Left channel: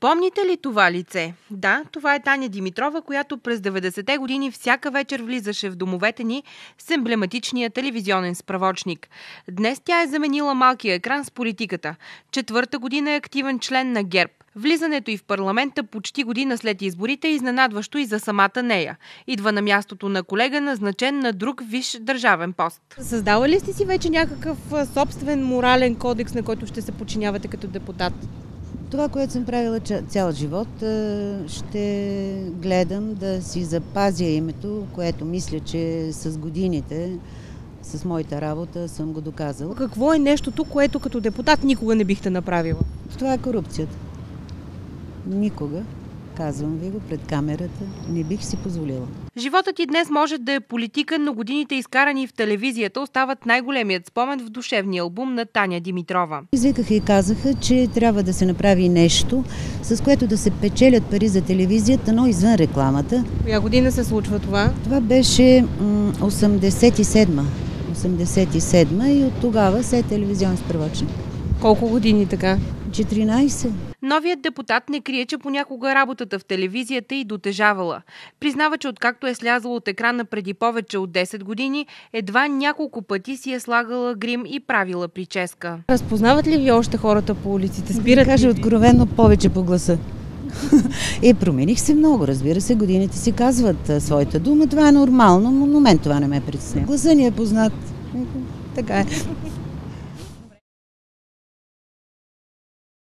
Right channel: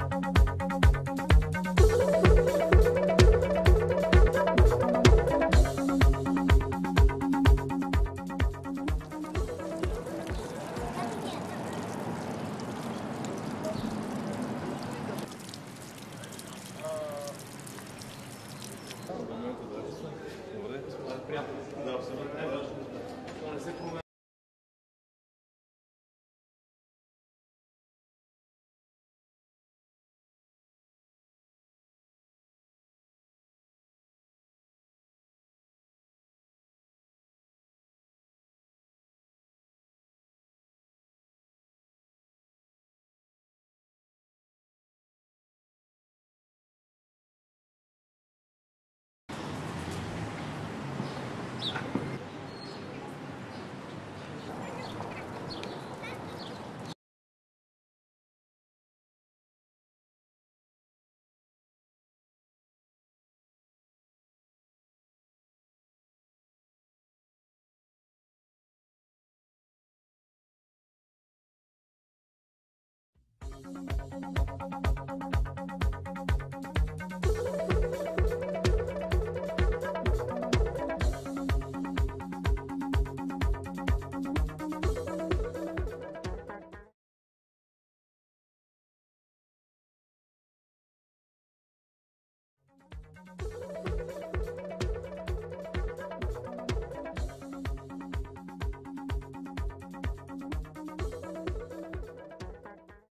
Помните ли това лице? Да, това е Таня Димитрова, която през 90-те години всяка вечер влизаше в домовете ни с емблематичния телевизионен справочник. Днес тя е заменила малкия екран с политиката. Четвърта година е активен член на ГЕРБ. Влизането й в парламента почти година след изборите е изненадващо и за самата нея. Идва на мястото на колега, назначен на друг висш държавен пост. Създала ли сте си вече някакъв собствен морален кодекс, на който ще се подчинявате като депутат? Това, което съм правила цял живот, ще гледам да си запазя името, което мисля, че с годините, с моята работа съм го доказала. Какво е нещото, което като депутат никога не бихте направила? Това е корупцията. Никога, казвам ви го пред камерата, не бих си позволила. Животът ти днес може да е политика, но годините изкарани в телевизията остават най-големият спомен в душевния албум на Таня Димитрова. Извикаха и казаха, че трябва да се направи нещо, с което да се печелят пари за телевизията, но извън рекламата. Коя година се случва това? Това беше 87-ма и от тогава се е телевизионен справочник. Колко години така? 14. Новият депутат не крие, че понякога работата в телевизията й дотежавала. Признава, че откакто е слязала от екрана преди повече от 10 години, едва няколко пъти си е слагала грим и правила прическа. Разпознават ли ви още хората по улиците? Спират кажа откровенно повече по гласа. Промених се много, разбира се, годините си казват своята дума, това е нормално, но на мен това не ме притеснява. Гласа ни е познат. Така е.